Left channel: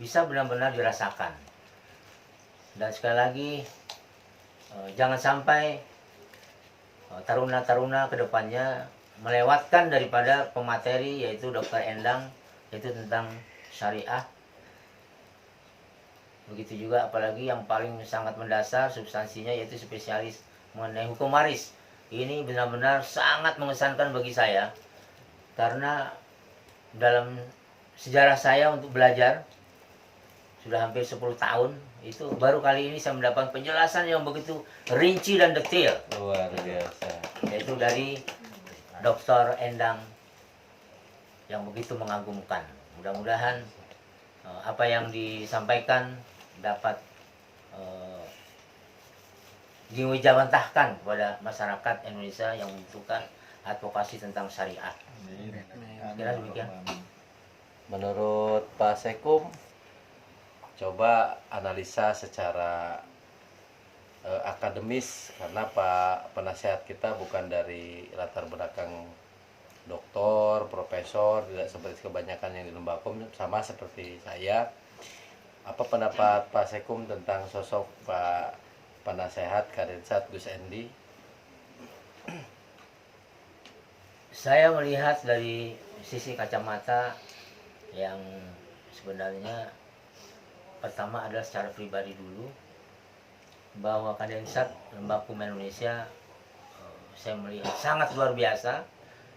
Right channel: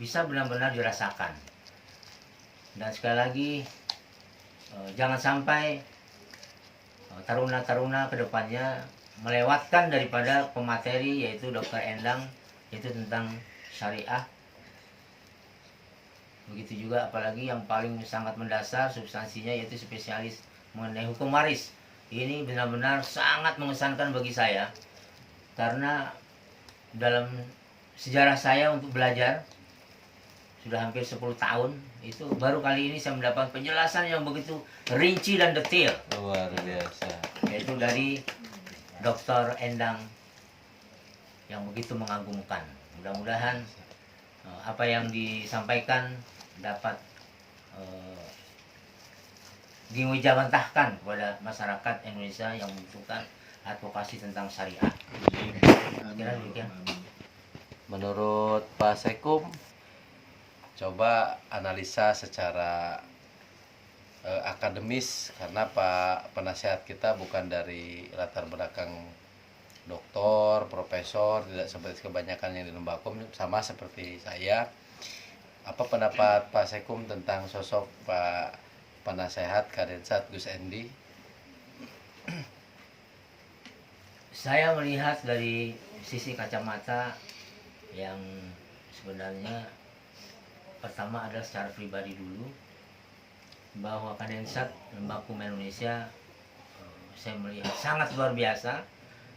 bisa benar-benar dirasakan. Dan sekali lagi, jangan sampai taruna-taruna kedepannya melewatkan daripada pemateri yaitu Dr. Endang, yaitu tentang syariah. Begitu juga apalagi yang paling sangat mendasar substansinya yaitu spesialis mengenai hukum waris. Ini benar-benar sangat mengesankan bagi saya karena dalam sejarah saya untuk belajar sudah hampir 10 tahun, itu baru kali ini saya mendapat penjelasan yang begitu rinci dan detail. Luar biasa. Yaitu dari Dr. Endang yang begitu mengagumkan. Mudah-mudahan apa yang disampaikan dapat diwijawantahkan kepada masyarakat Indonesia yang membutuhkan advokasi tentang syariah. Kira demikian. Menurut Pak Sekum, coba analisa secara akademis, karena Pak penasehat kita bukan dari latar belakang doktor, profesor, tidak seperti kebanyakan yang di Lembakum, sama seperti saya. Apa pendapat Pak Sekum tentang sosok Pak penasehat Kadensat Gus Endi? Saya melihat dari sisi kacamata yang sebenarnya pertama adalah secara pribadi dulu, bahwa Kadensat Lembakum Indonesia saya melihat sangat luar biasa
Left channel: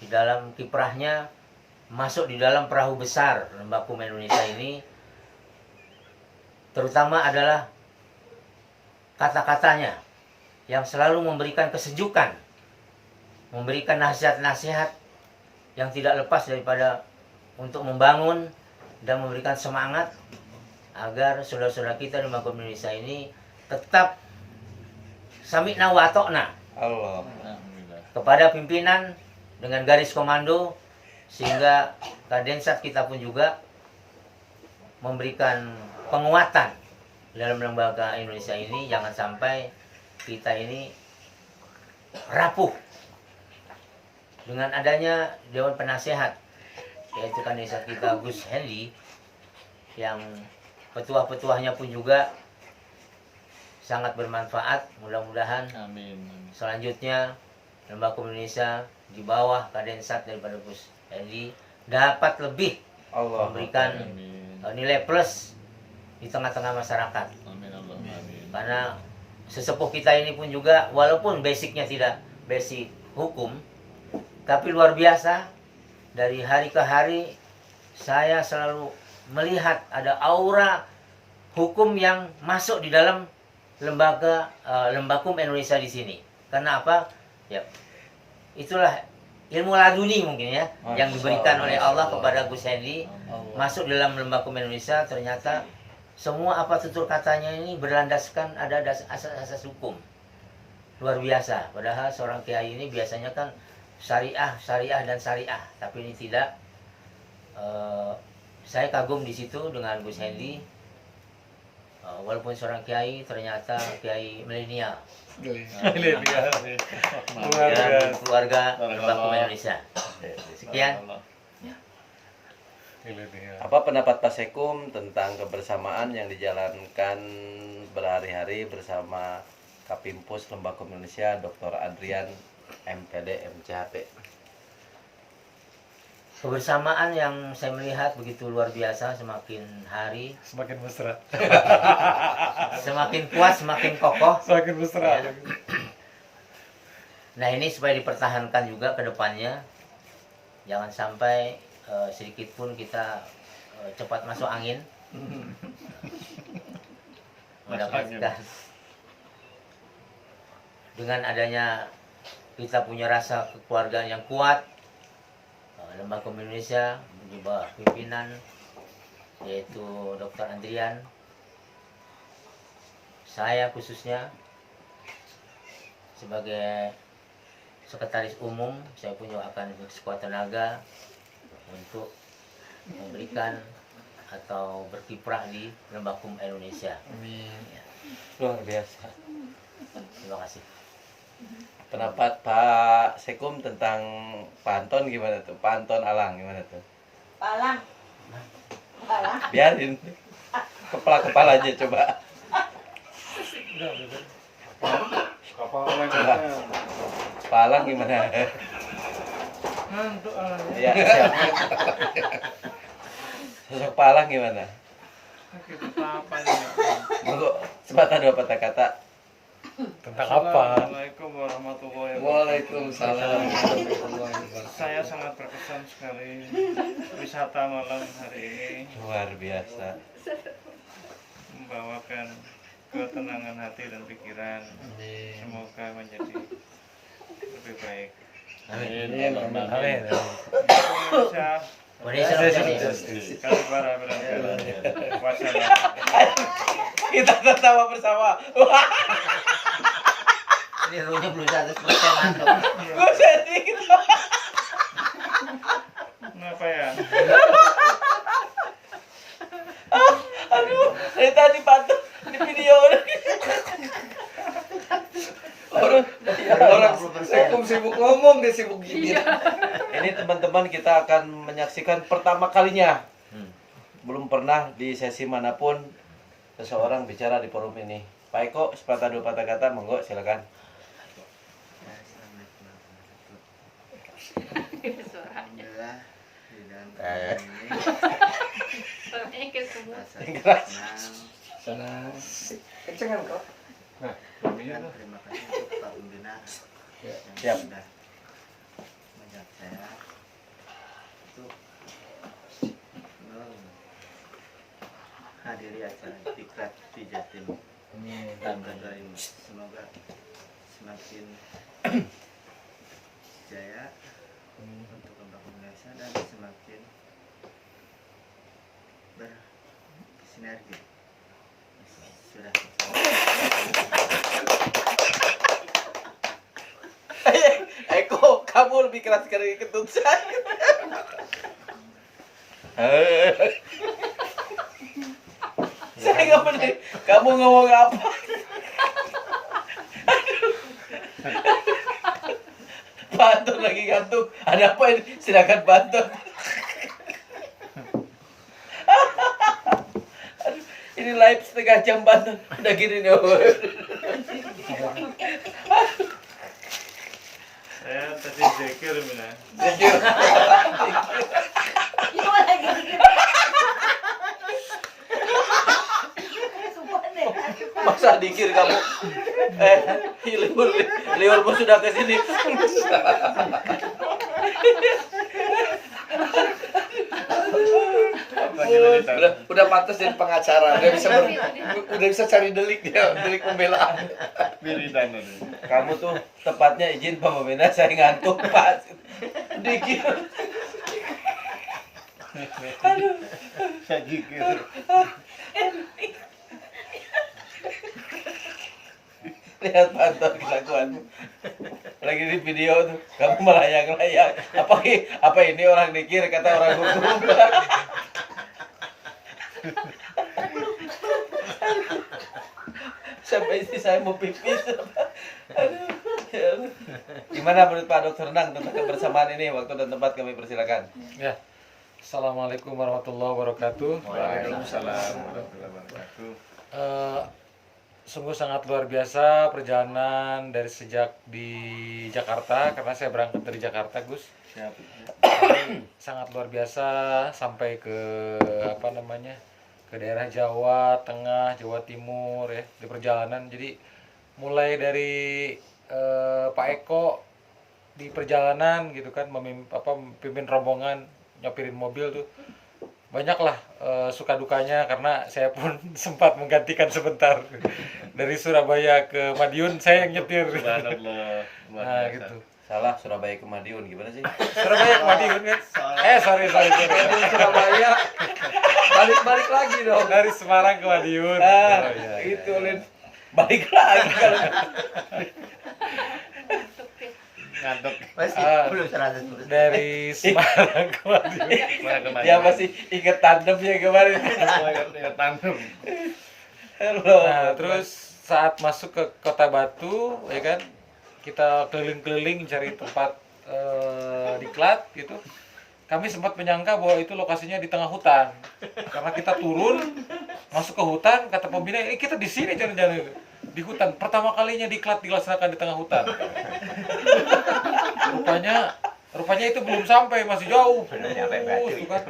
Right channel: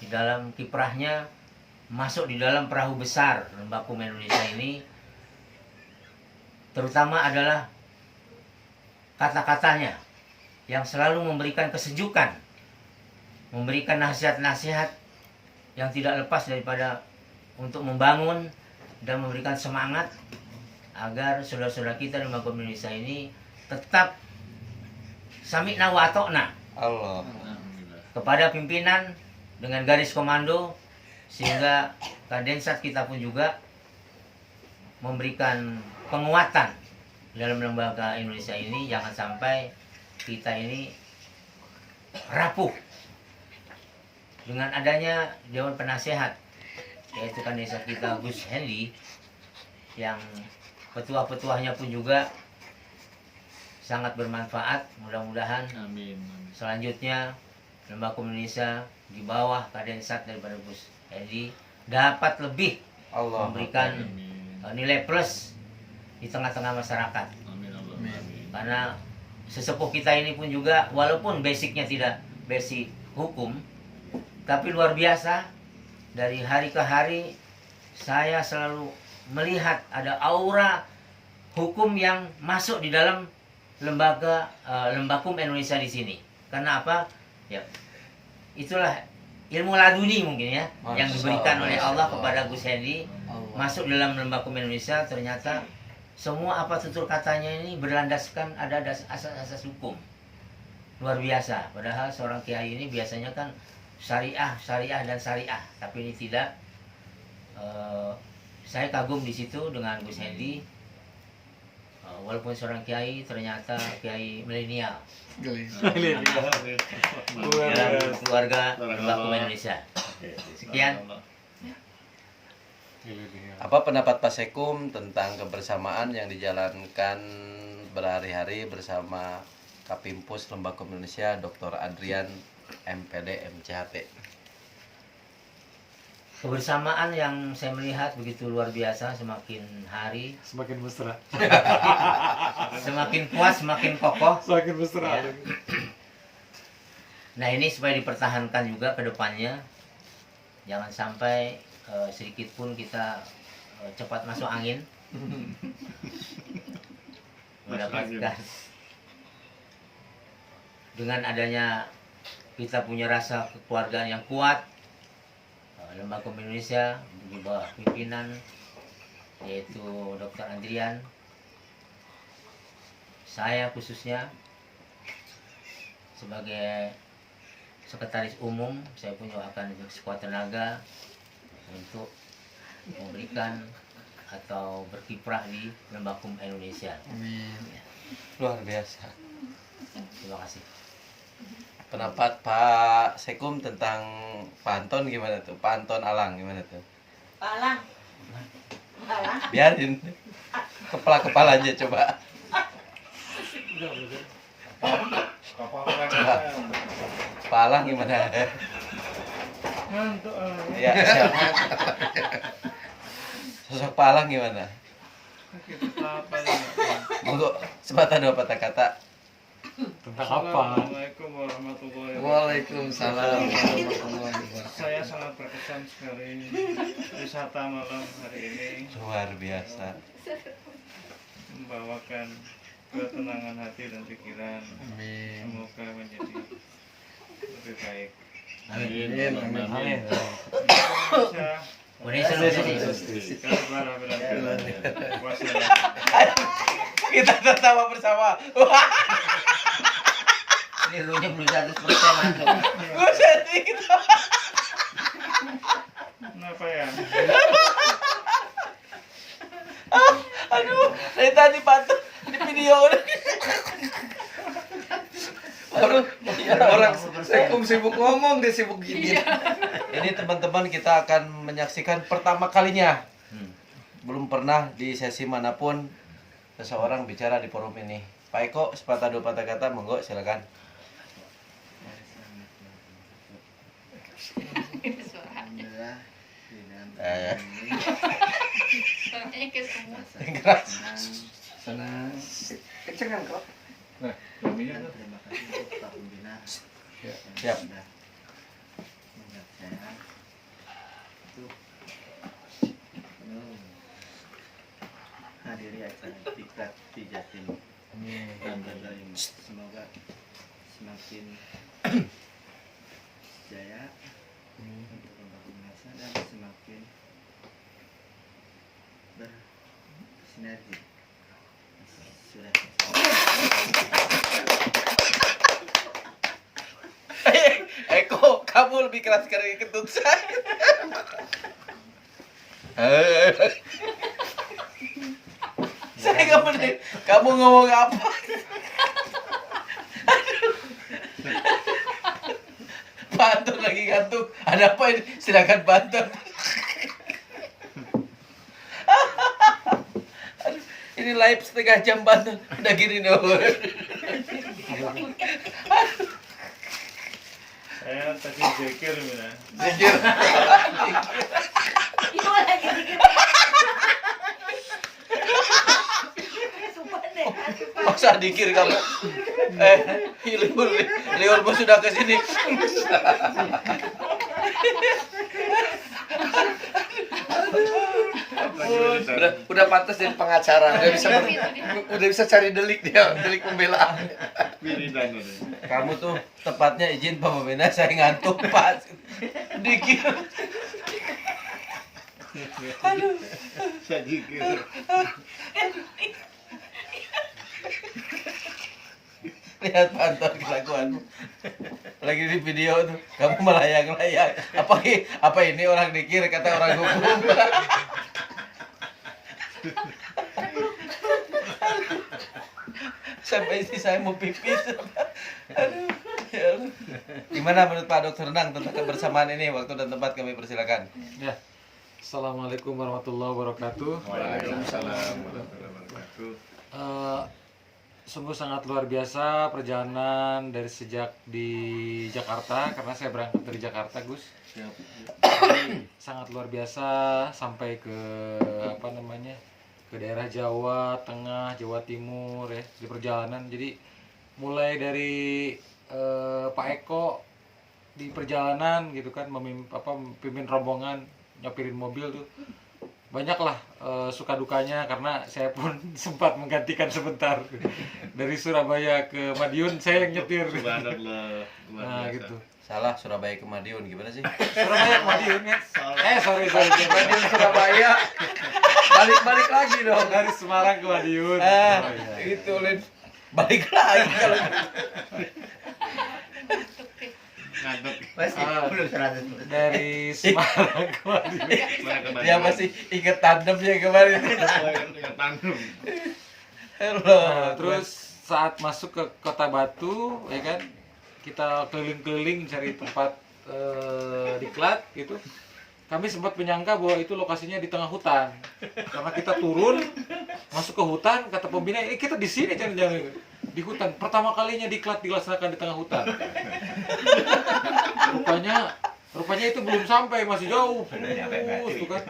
di dalam kiprahnya masuk di dalam perahu besar Lembakum Indonesia ini. Terutama adalah kata-katanya yang selalu memberikan kesejukan, memberikan nasihat-nasihat yang tidak lepas daripada untuk membangun dan memberikan semangat agar saudara-saudara kita di Lembakum Indonesia ini tetap sami'na wa ata'na Allah. kepada pimpinan dengan garis komando, sehingga Kadensat kita pun juga memberikan penguatan dalam lembaga Indonesia ini. Jangan sampai kita ini rapuh dengan adanya Dewan Penasehat, yaitu Kadensat kita Gus Endi, yang petuah-petuahnya pun juga sangat bermanfaat. Mudah-mudahan selanjutnya Lembakum Indonesia di bawah Kadensat daripada Gus Endi dapat lebih memberikan nilai plus di tengah-tengah masyarakat. Karena sesepuh kita ini pun juga walaupun basicnya tidak basic hukum, tapi luar biasa. Dari hari ke hari saya selalu melihat ada aura hukum yang masuk di dalam lembaga Lembakum Indonesia di sini. Karena apa? Ya, itulah ilmu laduni mungkin ya, yang diberikan oleh Allah kepada Gus Endi masuk dalam Lembakum Indonesia. Ternyata semua apa tutur katanya ini berlandaskan ada asas-asas hukum. Luar biasa. Padahal seorang kiai ini biasanya kan syariah dan syariah, tapi ini tidak. Saya kagum di situ dengan Gus Endi. Walaupun seorang kiai, ternyata kiai milenial dalam keluarga Lembakum Indonesia. Sekian. Apa pendapat Pak Sekum tentang kebersamaan yang dijalankan berhari-hari bersama Kapimpus Lembakum Indonesia Dr. Adrian MPD MCHT? Kebersamaan yang saya melihat begitu luar biasa, semakin hari Semakin mesra. semakin kuat, semakin kokoh. Semakin mesra. Nah, ini supaya dipertahankan juga ke depannya. Jangan sampai sedikit pun kita cepat masuk angin. Mendapatkan dengan adanya kita punya rasa kekeluargaan yang kuat, Lembakum Indonesia di bawah pimpinan yaitu Dr. Adrian, saya khususnya sebagai sekretaris umum, saya pun juga akan bersekuat tenaga untuk memberikan atau berkiprah di Lembakum Indonesia. Amin. Luar biasa. Terima kasih. Pendapat Pak Sekum tentang Pak Anton gimana tuh? Pak Anton Alang gimana tuh? Alang. Alang. Biarin. kepalanya coba. Coba. Palang gimana? Ngantuk Ya, siap. Sosok Palang gimana? sakit apa ya. Monggo sepatah dua patah kata. Tentang apa? Assalamualaikum warahmatullahi wabarakatuh. Waalaikumsalam warahmatullahi wabarakatuh. Saya sangat berkesan sekali wisata malam hari ini Luar biasa. membawakan ketenangan hati dan pikiran. Amin. Semoga menjadi lebih baik. Amin. Amin. Indonesia Indonesia. sekali para berangkat. Wassalam. Kita tertawa bersama. Wah, Ini runya belum 100% mantap. gue sedih gitu. Kenapa ya? Aduh, dari tadi pantau di video. Orang sibuk ngomong, dia sibuk gini. Ini teman-teman kita akan menyaksikan pertama kalinya. Hmm. Belum pernah di sesi manapun seseorang bicara di forum ini. Pak Eko, sepatah dua patah kata, monggo silakan. Alhamdulillah di dalam Eh. ini Suaranya kayak semua. rasa Senang. Kencengan kok. senang dan terima kasih untuk Pak Pembina yang Siap. sudah mengajak saya untuk menghadiri acara Diklat di Jatim dan berdoa ini semoga semakin jaya untuk membangun bangsa dan semakin bersinergi. Sudah. Eko, kamu lebih keras dari kentut saya. Saya nggak bener. Kamu ngomong apa? Pantun lagi ngantuk. Ada apa ini? Silakan pantun. Aduh, ini live setengah jam pantun. Udah gini nih. Saya tadi zikir Mina. Masa dikir kamu? Liurmu sudah ke sini. Udah pantas jadi pengacara, udah bisa cari delik dia, delik pembelaan. Wiridan ini. Kamu tuh tepatnya izin Pak Pembina, saya ngantuk Pak. Dikir. Saya zikir. Lihat pantun kelakuanmu. Lagi di video tuh, kamu melayang-layang. Apa ini orang dikir kata orang hukum? Sampai istri saya mau pipis. Aduh, ya Allah. Gimana menurut Pak Dokter Renang tentang kebersamaan ini? Waktu dan tempat kami persilakan. Ya. Assalamualaikum warahmatullahi wabarakatuh. Waalaikumsalam warahmatullahi wabarakatuh. Sungguh sangat luar biasa perjalanan dari sejak di Jakarta, karena saya berangkat dari Jakarta, Gus. Sangat luar biasa sampai ke ke daerah Jawa Tengah, Jawa Timur ya di perjalanan. Jadi mulai dari Pak Eko di perjalanan gitu kan, memimpin rombongan, nyopirin mobil tuh. Banyaklah suka dukanya, karena saya pun sempat menggantikan sebentar dari Surabaya ke Madiun, saya yang nyetir. Subhanallah. Nah gitu. Salah, Surabaya ke Madiun gimana sih? Surabaya ke Madiun kan? Sorry. Di Surabaya balik lagi dong. Dari Semarang ke Madiun. Ah, Iya. itu Lin. Balik lagi kalau Ngantuk. Masih Ah. belum 100%. Dari Semarang ke Madiun. dia masih inget tandemnya kemarin. Tandem. Halo. Nah, terus saat masuk ke Kota Batu, ya kan, kita keliling-keliling cari tempat diklat gitu. Kami sempat menyangka bahwa itu lokasinya di tengah hutan, karena kita turun Masuk ke hutan, kata pembina, ini kita di sini jangan-jangan di hutan. Pertama kalinya diklat dilaksanakan di tengah hutan. Rupanya itu belum sampai, masih jauh. Tuh kan.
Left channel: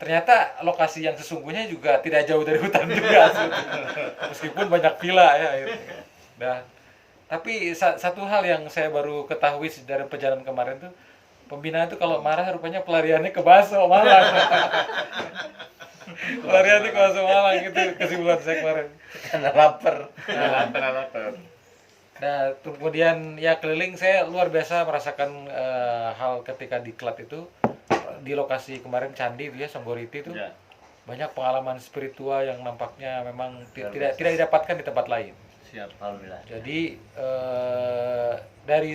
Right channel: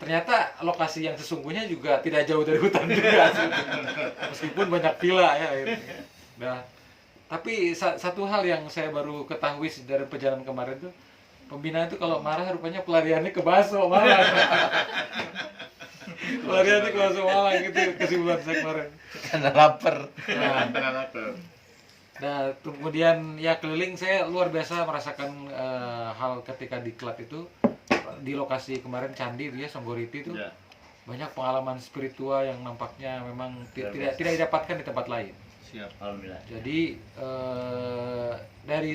Ternyata lokasi yang sesungguhnya juga tidak jauh dari hutan juga. Meskipun banyak villa ya akhirnya. Nah, tapi satu hal yang saya baru ketahui dari perjalanan kemarin tuh, pembina itu kalau marah rupanya pelariannya ke bakso Malang. Pelariannya ke bakso Malang, itu kesimpulan saya kemarin. Karena lapar. Nah, kemudian ya keliling, saya luar biasa merasakan hal ketika diklat itu di lokasi kemarin candi itu ya, Songgoriti itu Ya. banyak pengalaman spiritual yang nampaknya memang tidak didapatkan di tempat lain. Siap. Alhamdulillah. Jadi dari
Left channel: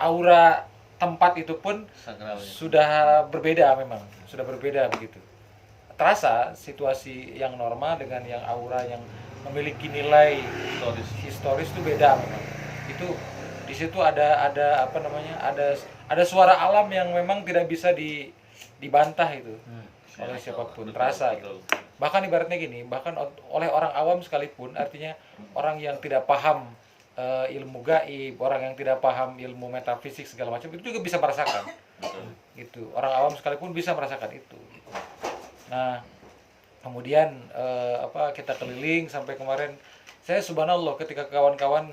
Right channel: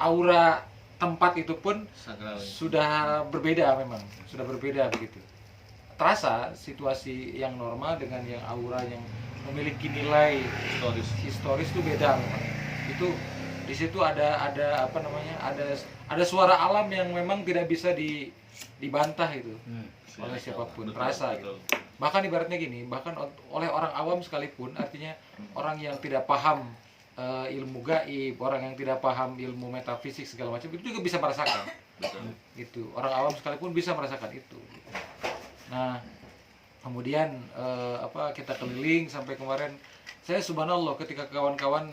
aura tempat itu pun Sakralnya. sudah berbeda, memang sudah berbeda begitu. Terasa situasi yang normal dengan yang aura yang memiliki nilai historis itu beda memang. Itu di situ ada apa namanya, ada suara alam yang memang tidak bisa dibantah itu oleh siapapun, terasa gitu. Bahkan ibaratnya gini, bahkan oleh orang awam sekalipun, artinya orang yang tidak paham ilmu gaib, orang yang tidak paham ilmu metafisik segala macam, itu juga bisa merasakan. Gitu. Orang awam sekalipun bisa merasakan itu. Gitu. Nah, kemudian kita keliling sampai kemarin, saya subhanallah ketika kawan-kawan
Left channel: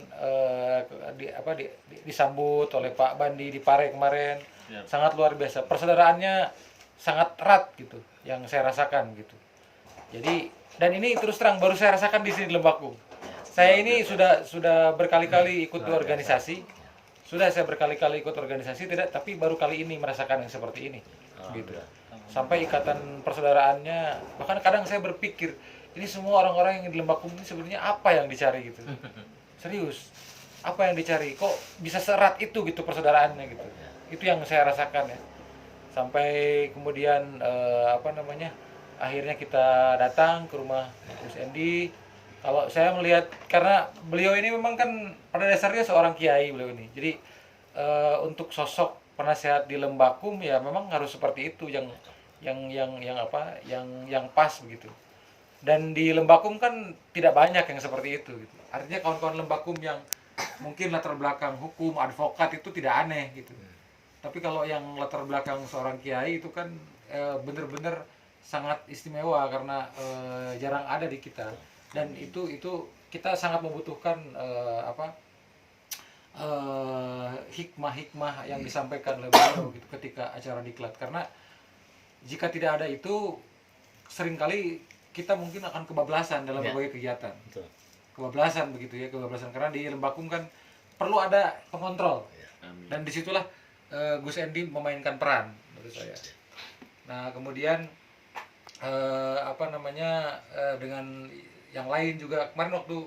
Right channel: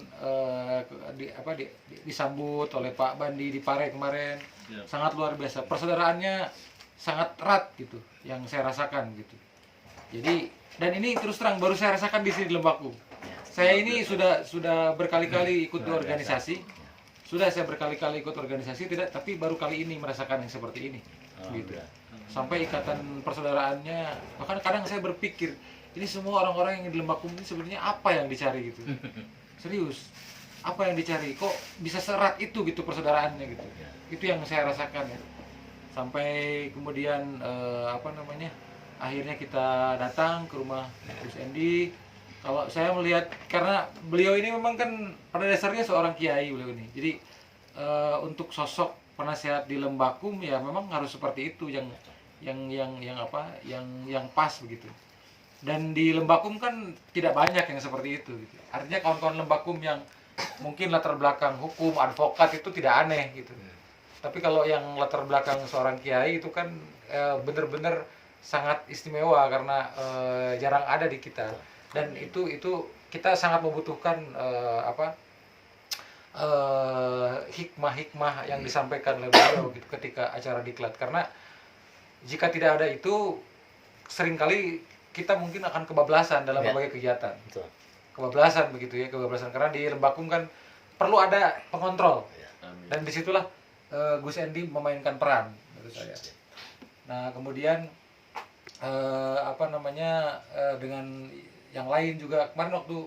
disambut oleh Pak Bandi di Pare kemarin, sangat luar biasa, persaudaraannya sangat erat gitu, yang saya rasakan gitu. Jadi, dan ini terus terang baru saya rasakan di sini di Lembakung. Saya ini sudah berkali-kali ikut organisasi, tidak, tapi baru kali ini merasakan yang seperti ini, gitu. Sampai ikatan persaudaraannya, bahkan kadang saya berpikir, ini semua orang-orang yang di Lembakung ini sebenarnya apa yang dicari gitu. Serius, apa yang dicari? Kok bisa serat itu gitu persaudaraannya gitu. Itu yang saya rasakan ya. Sampai kemudian akhirnya kita datang ke rumah Gus Endi. Kalau saya melihat, karena beliau ini memang kan pada dasarnya seorang kiai beliau ini. Jadi untuk sosok penasehat di Lembakung ya memang harus seperti itu, yang pas begitu. Dan di Lembakung kan tidak banyak yang seperti itu gitu. Artinya kawan-kawan Lembakung yang mungkin latar belakang hukum, advokat itu tidak aneh gitu. Tapi kalau yang latar belakang seorang kiai itu kan benar-benar sangat istimewa, karena jarang ada di kita. Dan itu kita sangat membutuhkan hikmah-hikmah yang disampaikan oleh beliau gitu ketika acara diklat. Karena jika tidak ada itu, seringkali kita mungkin akan kebablasan dalam berbagai kegiatan. Betul. Kebablasan begitu ya, kebablasan, karena di Lembakung kan perlu ada pengontrol. Dan disitulah Gus Endi memainkan peran menurut saya. Nah, kemudian dengan yang lain juga kemarin waktu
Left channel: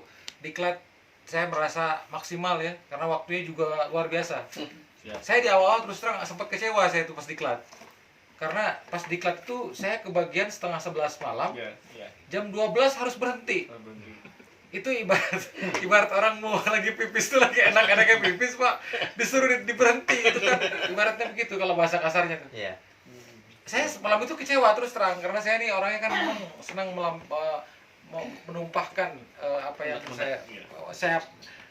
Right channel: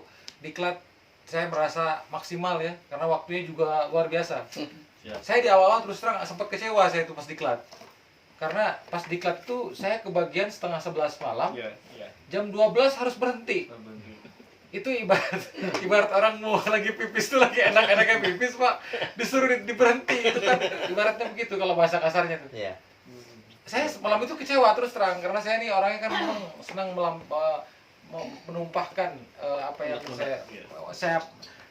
diklat saya merasa maksimal ya, karena waktunya juga luar biasa. Saya di awal terus terang sempat kecewa saya itu pas diklat. Karena pas diklat itu saya kebagian setengah 11 malam, jam 12 harus berhenti. Itu ibarat orang mau lagi pipis tuh, lagi enak-enaknya pipis Pak, disuruh diberhenti, itu kan ibaratnya begitu kalau bahasa kasarnya tuh. Iya. Saya malam itu kecewa terus terang, karena saya ini orangnya kan memang senang menumpahkan apa yang saya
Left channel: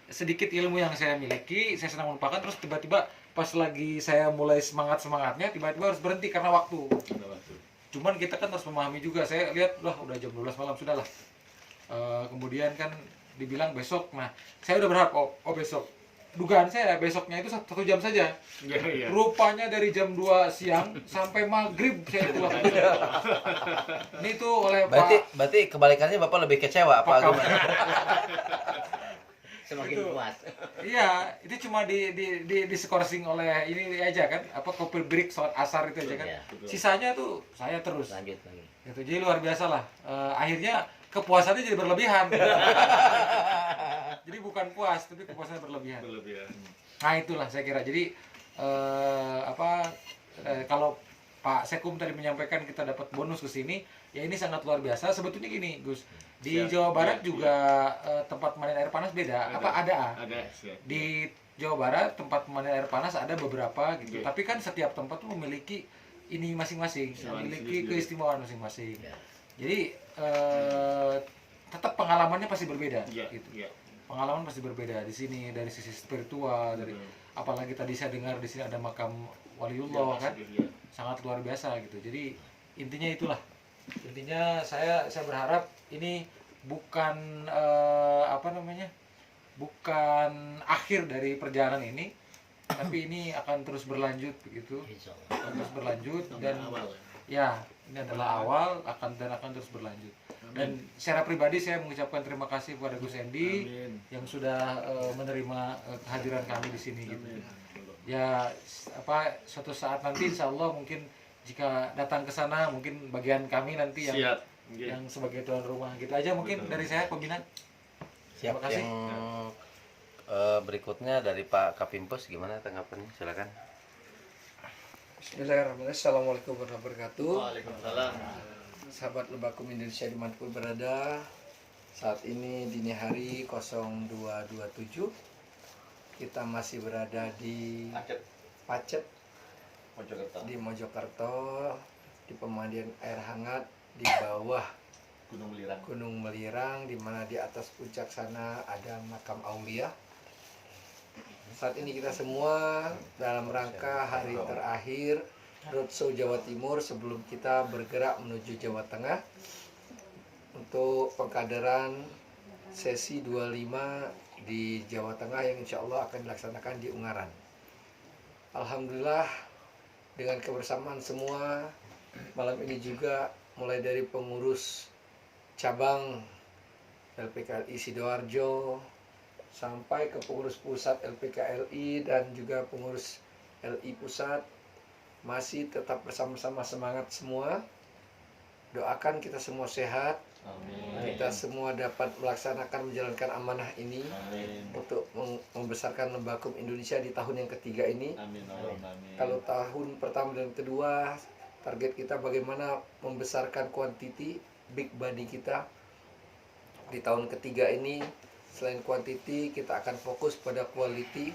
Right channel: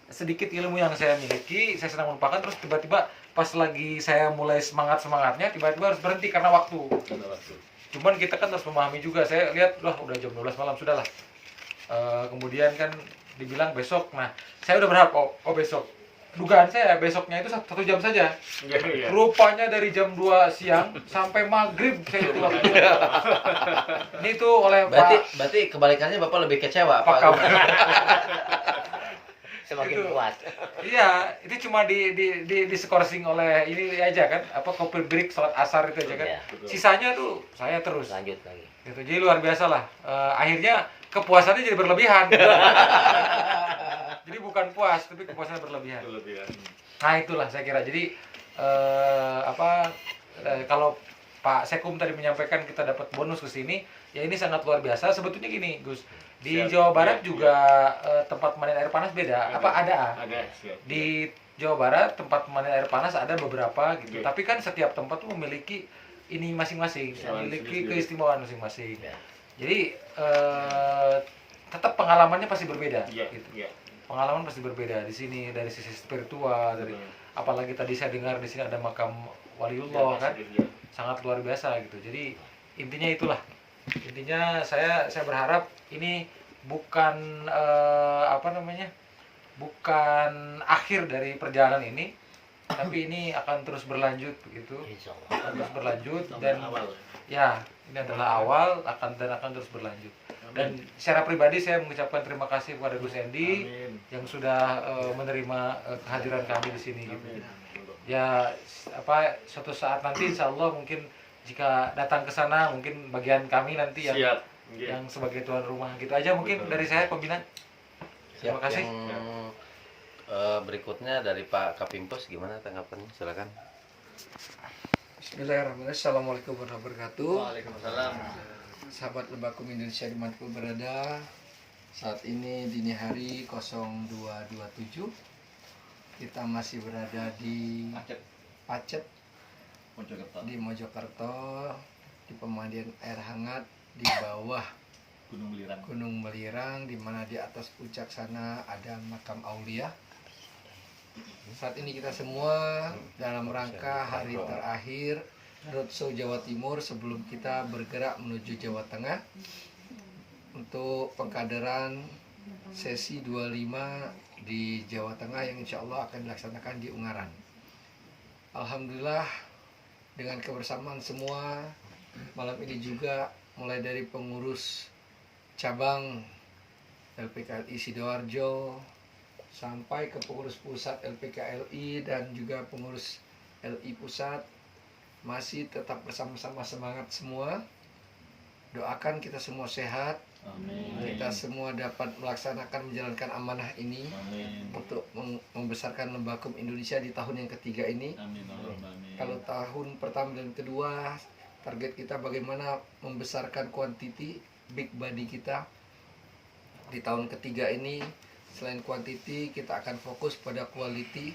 sedikit ilmu yang saya miliki, saya senang menumpahkan, terus tiba-tiba pas lagi saya mulai semangatnya tiba-tiba harus berhenti karena waktu. Cuman kita kan harus memahami juga, saya lihat udah jam 12 malam, sudahlah. Kemudian kan dibilang besok, nah saya udah berharap besok, dugaan saya besoknya itu 1 jam saja. Rupanya dari jam 2 siang sampai maghrib saya itu waktu. Ini tuh oleh Berarti kebalikannya Bapak lebih kecewa Pak Kamu. Semakin Itu. kuat. Iya, itu cuma di skorsing oleh ini aja kan, kopi break salat asar itu aja kan. Iya, Sisanya tuh saya terus. Lanjut lagi. Gitu. Jadi luar biasa lah. Akhirnya kepuasannya jadi berlebihan. Jadi bukan puas, tapi kepuasannya berlebihan. Nah itulah saya kira. Jadi kalau Pak Sekum tadi menyampaikan kita dapat bonus ke sini, ya ini sangat luar biasa. Sebetulnya gini, Gus. Di Jawa Barat juga tempat pemandian air panas beda. Ada. Di Jawa Barat tempat pemandian air panas ada beberapa gitu. Tapi kan setiap tempat tuh memiliki ini masing-masing, memiliki keistimewaan masing-masing. Jadi pengalamannya pasti berbeda. Iya, Gitu. iya. Pengalaman pasti berbeda di sini dari sisi spiritual, dari apalagi tadi saya dengar di sini ada makam waliullah kan, sangat luar biasa gitu. Jadi intinya itulah. Intinya saya berharap ini bukan bukan akhir dari perjalanan ini, tapi ini akan terus berlanjut begitu. Insya Allah. Akan terus berlanjut dan awal. ya ini adalah awal akan terus berlanjut. Dan secara pribadi saya mengucapkan terima kasih kepada Gus Endi Amin. yang sudah menerima kehadiran kami di sini gitu. Amin. Ya suatu saat nanti insya Allah mungkin jika datang ke sana mungkin bagian kami nanti yang Siap. yang sebagai tuan rumah gitu aja mungkin dari saya pembinaan. Terima kasih. Yang berikutnya dari Pak Kapimpos gimana tanggapannya? Silakan. Bismillahirrahmanirrahim. Assalamualaikum warahmatullahi wabarakatuh. Waalaikumsalam. Sahabat Lembakum Indonesia dimanapun berada, saat ini dini hari 02.27 kita masih berada di Pacet di Mojokerto, di pemandian air hangat di bawah Gunung Melirang, di mana di atas puncak sana ada makam Aulia. Saat ini kita semua dalam rangka hari terakhir Roadshow Jawa Timur sebelum kita bergerak menuju Jawa Tengah untuk pengkaderan sesi 25 di Jawa Tengah yang insya Allah akan dilaksanakan di Ungaran. Alhamdulillah dengan kebersamaan semua malam ini juga mulai dari pengurus cabang LPKLI Sidoarjo sampai ke pengurus pusat LPKLI dan juga pengurus LI pusat masih tetap bersama-sama semangat semua. Doakan kita semua sehat, kita semua dapat melaksanakan menjalankan amanah ini untuk membesarkan Lembakum Indonesia di tahun yang ketiga ini. Kalau tahun pertama dan kedua target kita bagaimana membesarkan kuantiti big body kita. Di tahun ketiga ini selain kuantiti kita akan fokus pada quality,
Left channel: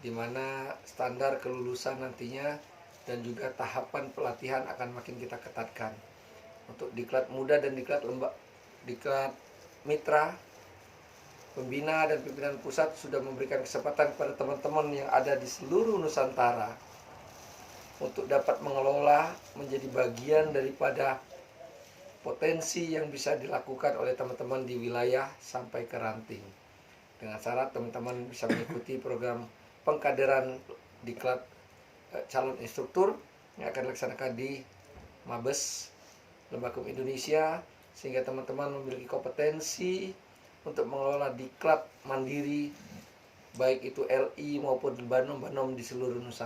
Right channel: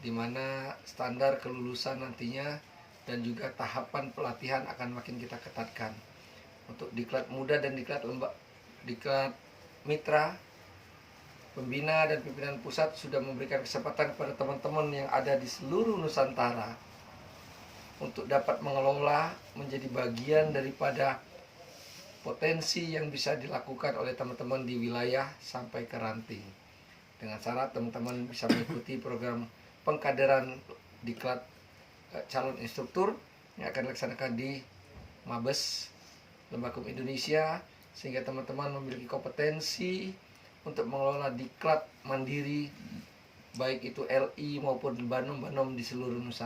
di mana standar kelulusan nantinya dan juga tahapan pelatihan akan makin kita ketatkan. Untuk diklat muda dan diklat mitra, pembina dan pimpinan pusat sudah memberikan kesempatan kepada teman-teman yang ada di seluruh Nusantara untuk dapat mengelola menjadi bagian daripada potensi yang bisa dilakukan oleh teman-teman di wilayah sampai ke ranting. Dengan syarat teman-teman bisa mengikuti program pengkaderan diklat calon instruktur yang akan dilaksanakan di Mabes Lembakum Indonesia, sehingga teman-teman memiliki kompetensi untuk mengelola diklat mandiri baik itu LI maupun banom-banom di seluruh Nusantara.